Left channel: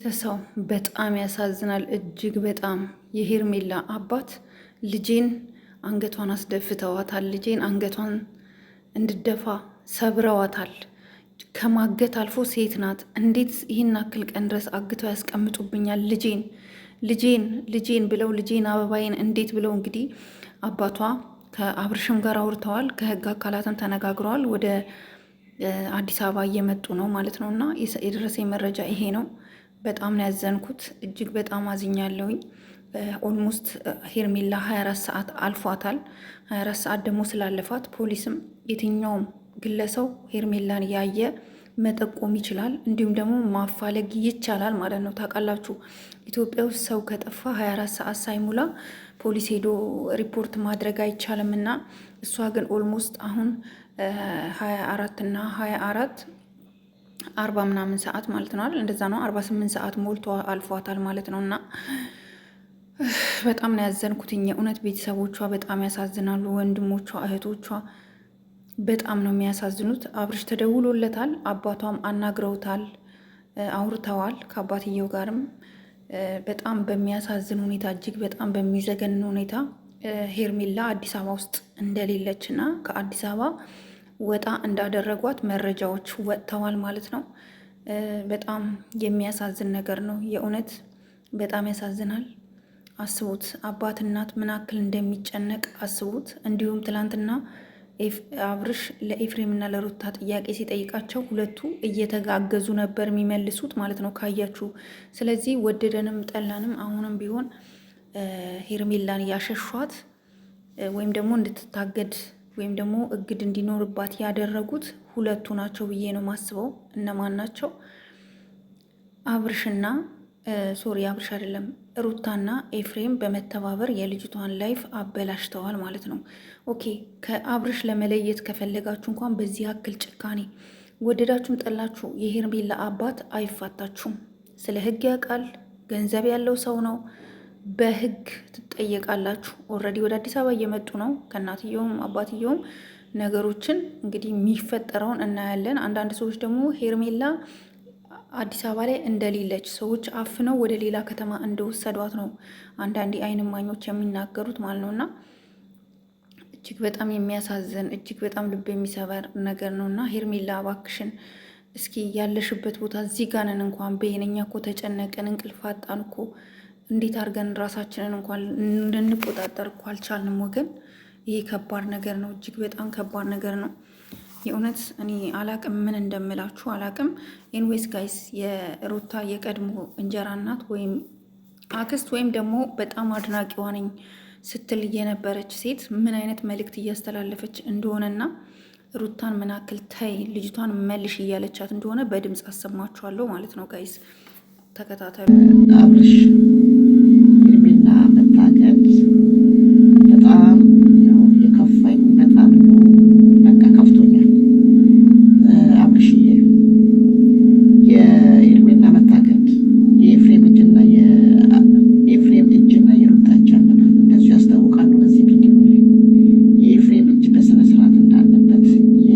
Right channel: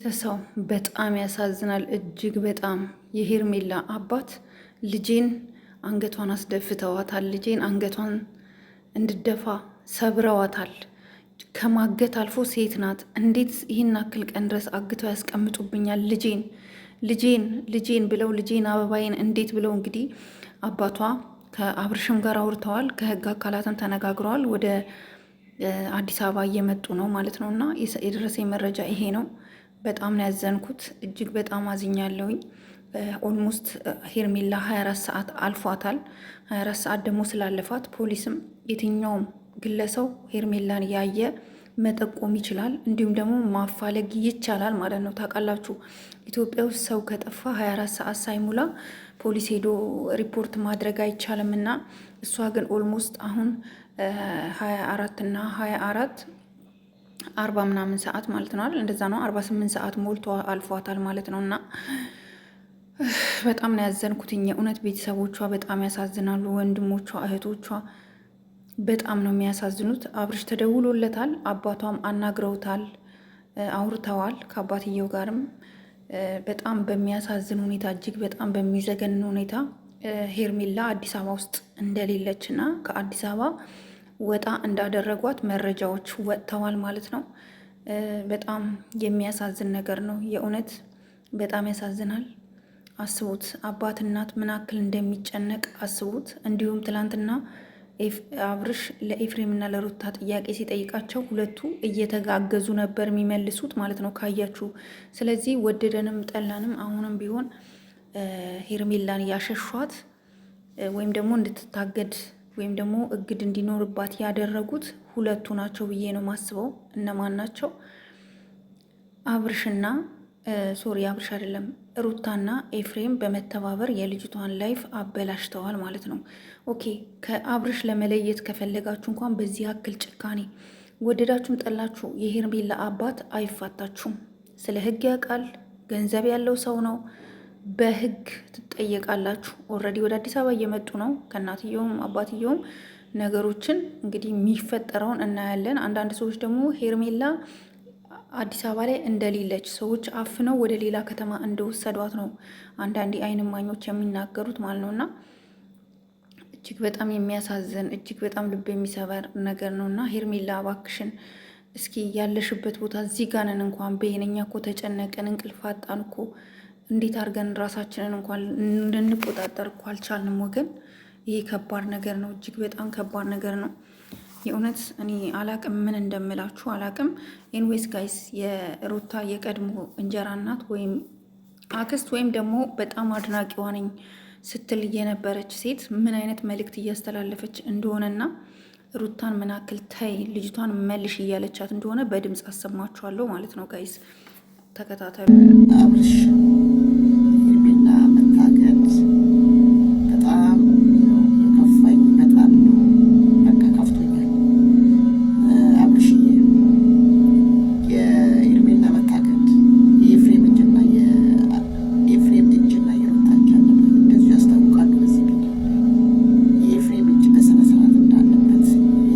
ሰው በጣም ያሳዝናል። እጅግ በጣም የሄርሜላ አባት ልጄን አንገቷን አስደፍተዋታል። ልጄን አንገቷን እንድደፋ ሰብረዋታል። ከማገት አልፎ ሴት ናት። እንዴት ይህን አክል ቀን ድረስ አግተው ያስቀምጡብኛል? ልጄን ብለው ልጄን አበባዬን እንዴት ብለው እንግዲህ አባቷ ከአብርሽም ጋር አውርተዋል። ከህግ አካላትም ተነጋግረዋል። ወደ አዲስ አበባ እየመጡ ነው ማለት ነው። እና የደረሰኝ መረጃ ይሄ ነው። በጣም ነው ያዘንኩት። እጅግ በጣም አዝኛለሁኝ። ኦልሞስት ሄርሜላ 24 ሰዓት አልፏታል። 24 ሰዓት ደግሞ ስላለፋት ፖሊስም የትኛውም ግለሰው ሄርሜላን ያየ መጠቆም ይችላል፣ እንዲሁም ደግሞ ማፋለግ ይቻላል ማለት ነው። ታውቃላችሁ ኢትዮጵያ ውስጥ ሰው ከጠፋ 24 ሰዓት ሳይሞላ ፖሊስ ሄዶ ሪፖርት ማድረግ አይቻልም። እና እሷ ግን ኦልሞስት አሁን 24 እና 24 40 ምናምን ሰዓት ማለት ነው አይደል? እንደዛ ነው። 48 ሰዓት ሞልቶ አልፏታል ማለት ነው። እና በጣም ነው ያዘንኩት። እውነት ቤተሰቦቿ በጣም ያሳዝናሉ። ወንድሞቿ፣ እህቶቿ በጣም ነው የሚያሳዝኑት። አብርሽ ተደውሎለታል፣ አባቷም አናግረውታል፣ አውርተዋል ከአባትየው ጋርም በጣም በሚያሳዝን ሁኔታ፣ እጅግ በጣም በሚዘገንን ሁኔታ ሄርሜላ አዲስ አበባ ውስጥ እንደሌለች እና ከአዲስ አበባ ወጣ እንዳደረጓት መረጃዎች ወጥተዋል ማለት ነው። በጣም የሚያሳዝን ነገር ነው። የእውነት በጣም ያሳዝናል። አስቡት፣ አባት እናት ምን ያክል እንደሚጨነቅ አስቡት። እንዲሁም ትላንትና አብርሽ ለኤፍሬም እና ለሩታ ጥያቄ ሲጠይቃቸው ሁለቱ እየተጋገዙ ነበር የሚመልሱት ማለት ነው ካያችሁ። ስለዚህ ወደደንም ጠላንም አሁንም ቢሆን ሄርሜላን ያሸሿት ወይም ደግሞ እንድትታገድ ወይም ደግሞ እግድ እንዲኖርባት ያደረጉት ሁለቱ ናቸው ብዬ ነው ማስበው። እነማን ናቸው? አብርሽና አብርሽ አይደለም፣ ሩታና ኤፍሬም በመተባበር የልጅቷን ላይፍ አበላሽተዋል ማለት ነው። ኦኬ፣ ከአብርሽ ለመለየት ከፈለጋችሁ እንኳን በዚህ ያክል ጭካኔ ወደዳችሁም ጠላችሁ የሄርሜላ አባት አይፋታችሁም። ስለ ሕግ ያውቃል። ገንዘብ ያለው ሰው ነው። በህግ ትጠየቃላችሁ። ኦልሬዲ ወደ አዲስ አበባ እየመጡ ነው። ከእናትየውም አባትየውም ነገሮችን እንግዲህ የሚፈጠረውን እናያለን። አንዳንድ ሰዎች ደግሞ ሄርሜላ አዲስ አበባ ላይ እንደሌለች ሰዎች አፍነው ወደ ሌላ ከተማ እንደወሰዷት ነው አንዳንድ የዓይን እማኞች የሚናገሩት ማለት ነው። እና እጅግ በጣም የሚያሳዝን እጅግ በጣም ልብ የሚሰበር ነገር ነው። እና ሄርሜላ እባክሽን እስኪ ያለሽበት ቦታ እዚህ ጋር ነን እንኳን በየነኛ እኮ ተጨነቀን፣ እንቅልፍ አጣን እኮ እንዴት አድርገን ራሳችንን እንኳን ልንቆጣጠር እኮ አልቻልንም ወገን። ይሄ ከባድ ነገር ነው። እጅግ በጣም ከባድ ነገር ነው። የእውነት እኔ አላቅም፣ ምን እንደምላችሁ አላቅም። ኤንዌይስ ጋይስ፣ የሩታ የቀድሞ እንጀራ እናት ወይም አክስት ወይም ደግሞ በጣም አድናቂዋ ነኝ ስትል የነበረች ሴት ምን አይነት መልእክት እያስተላለፈች እንደሆነና ሩታን ምን አክል ተይ ልጅቷን መልሽ እያለቻት እንደሆነ በድምፅ አሰማችኋለሁ ማለት ነው ጋይስ፣ ተከታተሉ። አብርሽ ሄርሜላ መታገድ በጣም ነው የከፋኝ። በጣም ነው በቃ ከፍቶኛል። አብርሽዬ የሄርሜላ መታገድ የኤፍሬም እጅና የሩታ እጅ አለበት፣ እንደዚሁ ያስታውቃሉ። በዚህ ቪዲዮ ላይ የኤፍሬም እጅ በስነ ስርዓት እንዳለበት፣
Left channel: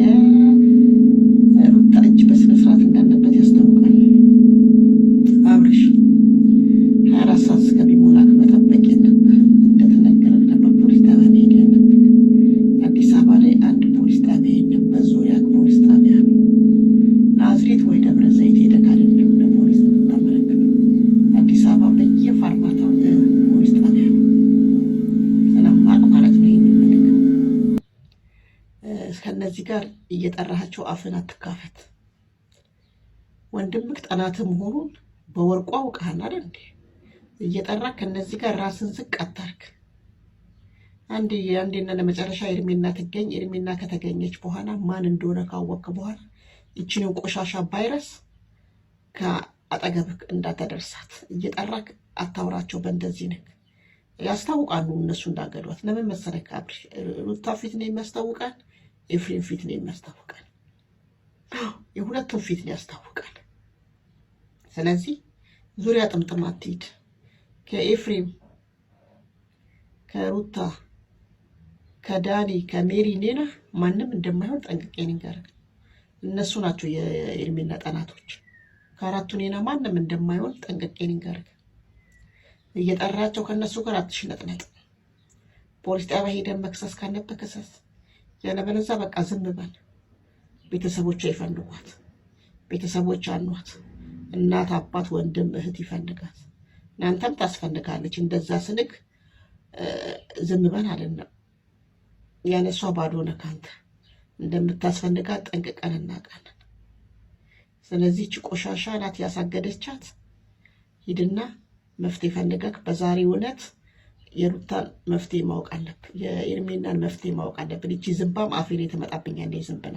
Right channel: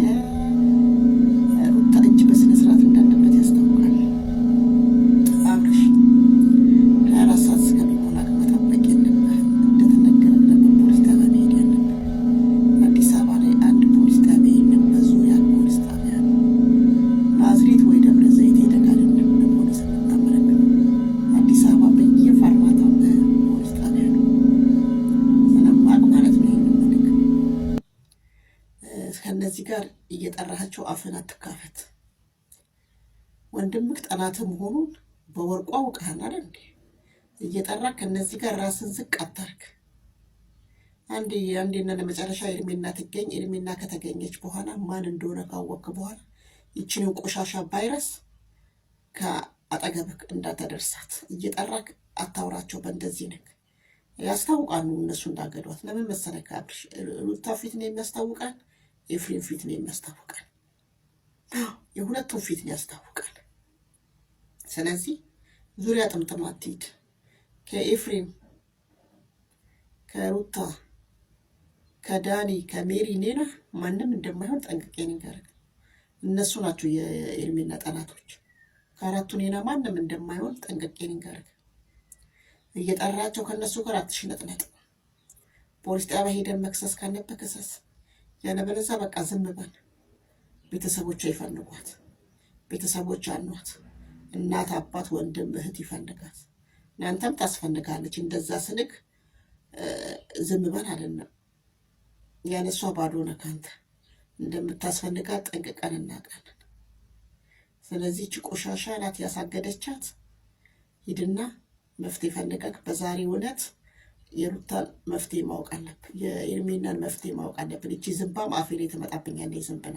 የሩታ እጅ በስነ ስርዓት እንዳለበት ያስታውቃል። አብርሽ 24 ሰዓት እስከሚሞላ መጠበቅ የለብህም። እንደተነገረ ነበር ፖሊስ ጣቢያ መሄድ ያለብህ። አዲስ አበባ ላይ አንድ ፖሊስ ጣቢያ የለም፣ በዙሪያ ፖሊስ ጣቢያ ነው። ናዝሬት ወይ ደብረ ዘይት ሄደህ አይደለም ለፖሊስ የምታመለክተው። አዲስ አበባ በየፋርማታው ፖሊስ ጣቢያ ነው። ስለማቅ ማለት ነው። ይህን መልክ ከእነዚህ ጋር እየጠራሃቸው አፍን አትካፈት። ወንድምክ ጠላት መሆኑን በወርቋ አውቀሃል አይደል እንዴ? እየጠራ ከነዚህ ጋር ራስን ዝቅ አታርግ። አንዴና ለመጨረሻ ኤርሜና ትገኝ። ኤርሜና ከተገኘች በኋላ ማን እንደሆነ ካወቅክ በኋላ ይችንን ቆሻሻ ቫይረስ ከአጠገብክ እንዳታደርሳት። እየጠራክ አታውራቸው። በእንደዚህ ነክ ያስታውቃሉ እነሱ እንዳገዷት። ለምን መሰረክ? አብርሽ ሩታ ፊት ነው የሚያስታውቃል፣ ኤፍሬም ፊት ነው የሚያስታውቃል፣ የሁለቱም ፊት ነው ያስታውቃል። ስለዚህ ዙሪያ ጥምጥም አትሂድ። ከኤፍሬም ከሩታ ከዳኒ ከሜሪ ኔና ማንም እንደማይሆን ጠንቅቄ ንገርክ። እነሱ ናቸው የኤርሜላ ጠላቶች። ከአራቱ እኔና ማንም እንደማይሆን ጠንቅቄ ንገርህ። እየጠራቸው ከእነሱ ጋር አትሽነጥነጥ። ፖሊስ ጣቢያ ሄደን መክሰስ ካለብህ ክሰስ፣ ያለበለዚያ በቃ ዝም በል። ቤተሰቦቿ ይፈልጓት፣ ቤተሰቦች አኗት፣ እናት፣ አባት፣ ወንድም፣ እህት ይፈልጋት። እናንተም ታስፈልጋለች። እንደዛ ስልክ ዝም በል አይደለም፣ ያለሷ ባዶ ነህ ካንተ። እንደምታስፈልጋት ጠንቅቀን እናውቃለን። ስለዚህ እቺ ቆሻሻ ናት ያሳገደቻት። ሂድና መፍትሄ ፈልገህ በዛሬ እውነት የሩታን መፍትሄ ማወቅ አለብን። የኤርሜናን መፍትሄ ማወቅ አለብን። እቺ ዝምባም አፌ ላይ ትመጣብኛለች። ዝምብና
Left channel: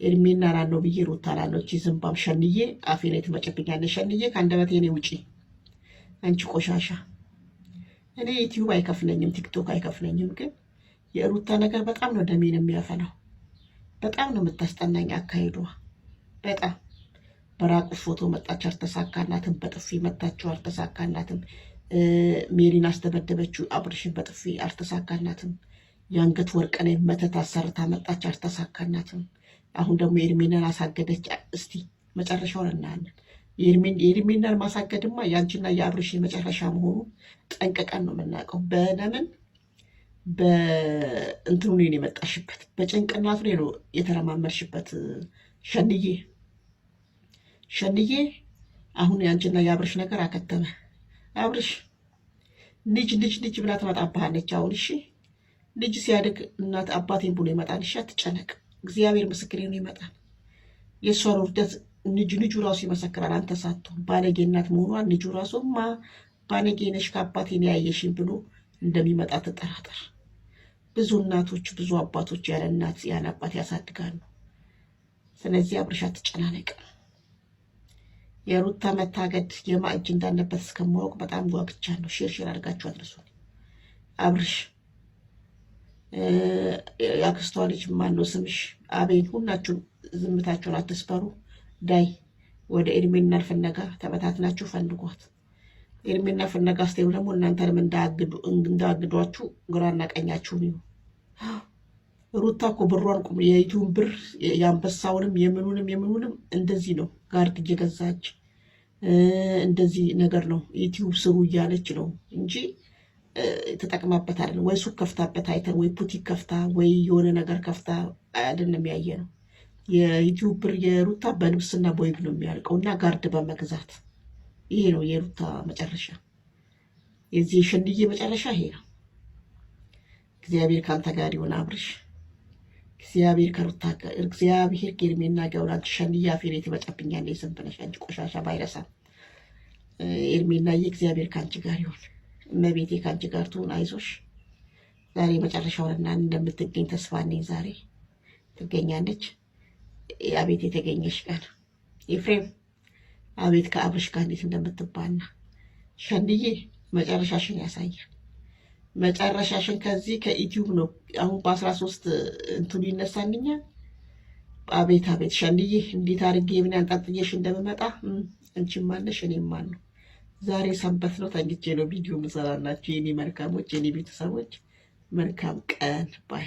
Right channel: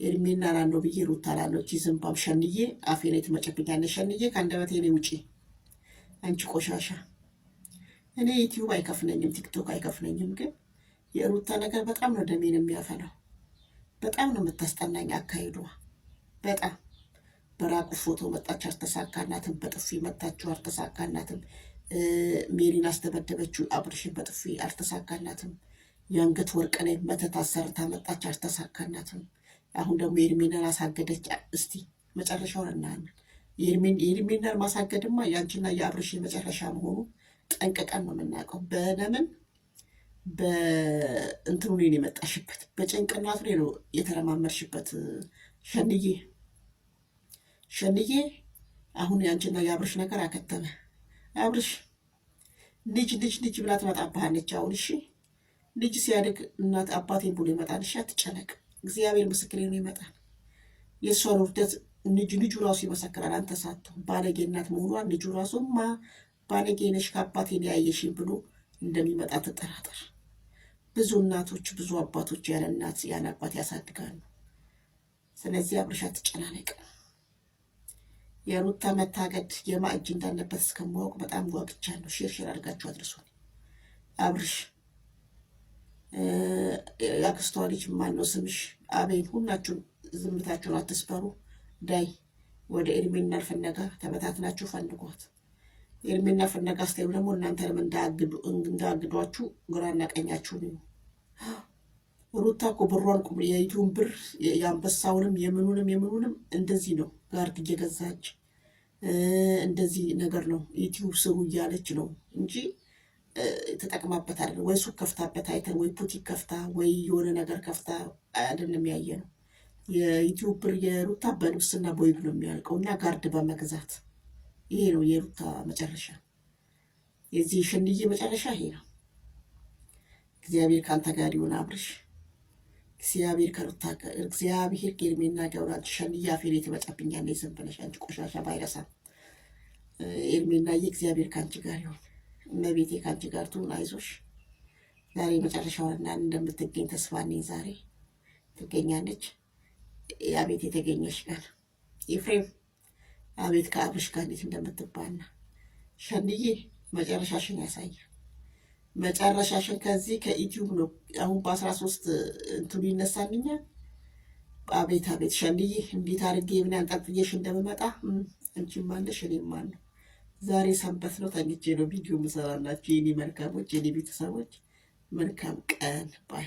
ኤርሜና ላለው ብዬ ሩታ ላለው እቺ ዝምባም ሸንዬ አፌ ላይ ትመጭብኛለች። ሸንዬ ከአንደበቴ እኔ ውጪ አንቺ ቆሻሻ። እኔ ዩቲዩብ አይከፍለኝም፣ ቲክቶክ አይከፍለኝም፣ ግን የሩታ ነገር በጣም ነው ደሜን የሚያፈላው። በጣም ነው የምታስጠናኝ አካሄዷ። በጣም በራቁ ፎቶ መጣች፣ አልተሳካላትም። በጥፊ መታችው፣ አልተሳካላትም። ሜሪን አስደበደበችው፣ አብርሽን በጥፊ አልተሳካላትም። የአንገት ወርቅ ላይ መተት አሰርታ መጣች፣ አልተሳካላትም። አሁን ደግሞ ኤርሜናን አሳገደች። እስቲ መጨረሻውን እናያለን። የኤርሜናን ማሳገድማ የአንቺና የአብርሽ የመጨረሻ መሆኑን ጠንቅቀን ነው የምናውቀው። በለምን በእንትኑ ነው የመጣሽበት፣ በጭንቅላቱ ላይ ነው የተረማመድሽበት። ሸንዬ አሁን የአንቺና የአብርሽ ነገር አከተመ። አብርሽ ልጅ ብላ ትመጣብሃለች አሁን። እሺ ልጅ ሲያድግ እናት አባቴን ብሎ ይመጣል። እሺ አትጨነቅ፣ እግዚአብሔር ምስክሬ ነው ይመጣል። የእሷን ውርደት ልጁ ራሱ ይመሰክራል። አንተ ሳትሆን ባለጌ እናት መሆኗን ልጁ ራሱማ ባለጌ ነሽ ከአባቴን ያየሽኝ ብሎ እንደሚመጣ ትጠራጠር። ብዙ እናቶች ብዙ አባቶች ያለ እናት ያለ አባት ያሳድጋሉ። ስለዚህ አብርሽ አትጨናነቅ። የሩታ መታገድ የማ እጅ እንዳለበት እስከማወቅ በጣም ጓግቻለሁ። ሼር አድርጋችሁ አድርሱን። አብርሽ ያክስቷ ልጅ ማነው ስምሽ? አቤን። ሁላችሁም ዝምታችሁን አትስበሩ። ዳይ ወደ ኤርሜና ፍለጋ ተበታትናችሁ ፈልጓት። ኤርሜና ፍለጋ ስትሄዱ ደግሞ እናንተንም እንዳግዷችሁ ግራና ቀኛችሁን ይሁ። ሩታ እኮ ብሯን የዩቲዩብ ብር የአንበሳውንም የምኑንም እንደዚህ ነው ጋርድ እየገዛች እንደዚህ ነገር ነው ዩቲዩብ ስሩ እያለች ነው እንጂ ተጠቅማበት አይደለም። ወይ ሱቅ ከፍታበት አይተን ወይ ፑቲክ ከፍታ ወይ የሆነ ነገር ከፍታ አይደለም ያየ ነው። የዩቲዩብ ብር የሩታ በልብስና በወይብ ነው የሚያልቀው እና ጋርድ በመግዛት ይሄ ነው የሩታ መጨረሻ። የዚህ ሸንዬ መጨረሻ ይሄ ነው። እግዚአብሔር ካንተ ጋር ይሁን አብርሽ። እግዚአብሔር ከሩታ ጋር፣ እግዚአብሔር ከኤርሜና ጋር። አንቺ ሸንዬ አፌን ትመጫብኛለሽ። ዝም ብለሽ አንቺ ቆሻሻ ባይረሳ። ኤርሜናዬ እግዚአብሔር ካንቺ ጋር ይሁን። እመቤቴ ካንቺ ጋር ትሁን። አይዞሽ። ዛሬ መጨረሻውንና እንደምትገኝ ተስፋ ነኝ። ዛሬ ትገኛለች። አቤት የተገኘሽ ቀን ኤፍሬም፣ አቤት ከአብርሽ ጋር እንዴት እንደምትባና። ሸንዬ መጨረሻሽን ያሳያል። መጨረሻሽን ከዚህ ከዩቲዩብ ነው አሁን በ13 እንትኑ ይነሳልኛል። አቤት ሸንዬ፣ እንዴት አድርጌ ምን አንጠልጥዬሽ እንደምመጣ አንቺም አለሽ እኔም አለሁ። ዛሬ ሰንበት ነው፣ ተኝቼ ነው ቪዲዮ ምሰራላችሁ። የኔ መልካሞች፣ የኔ ቤተሰቦች መልካም ቀን ባይ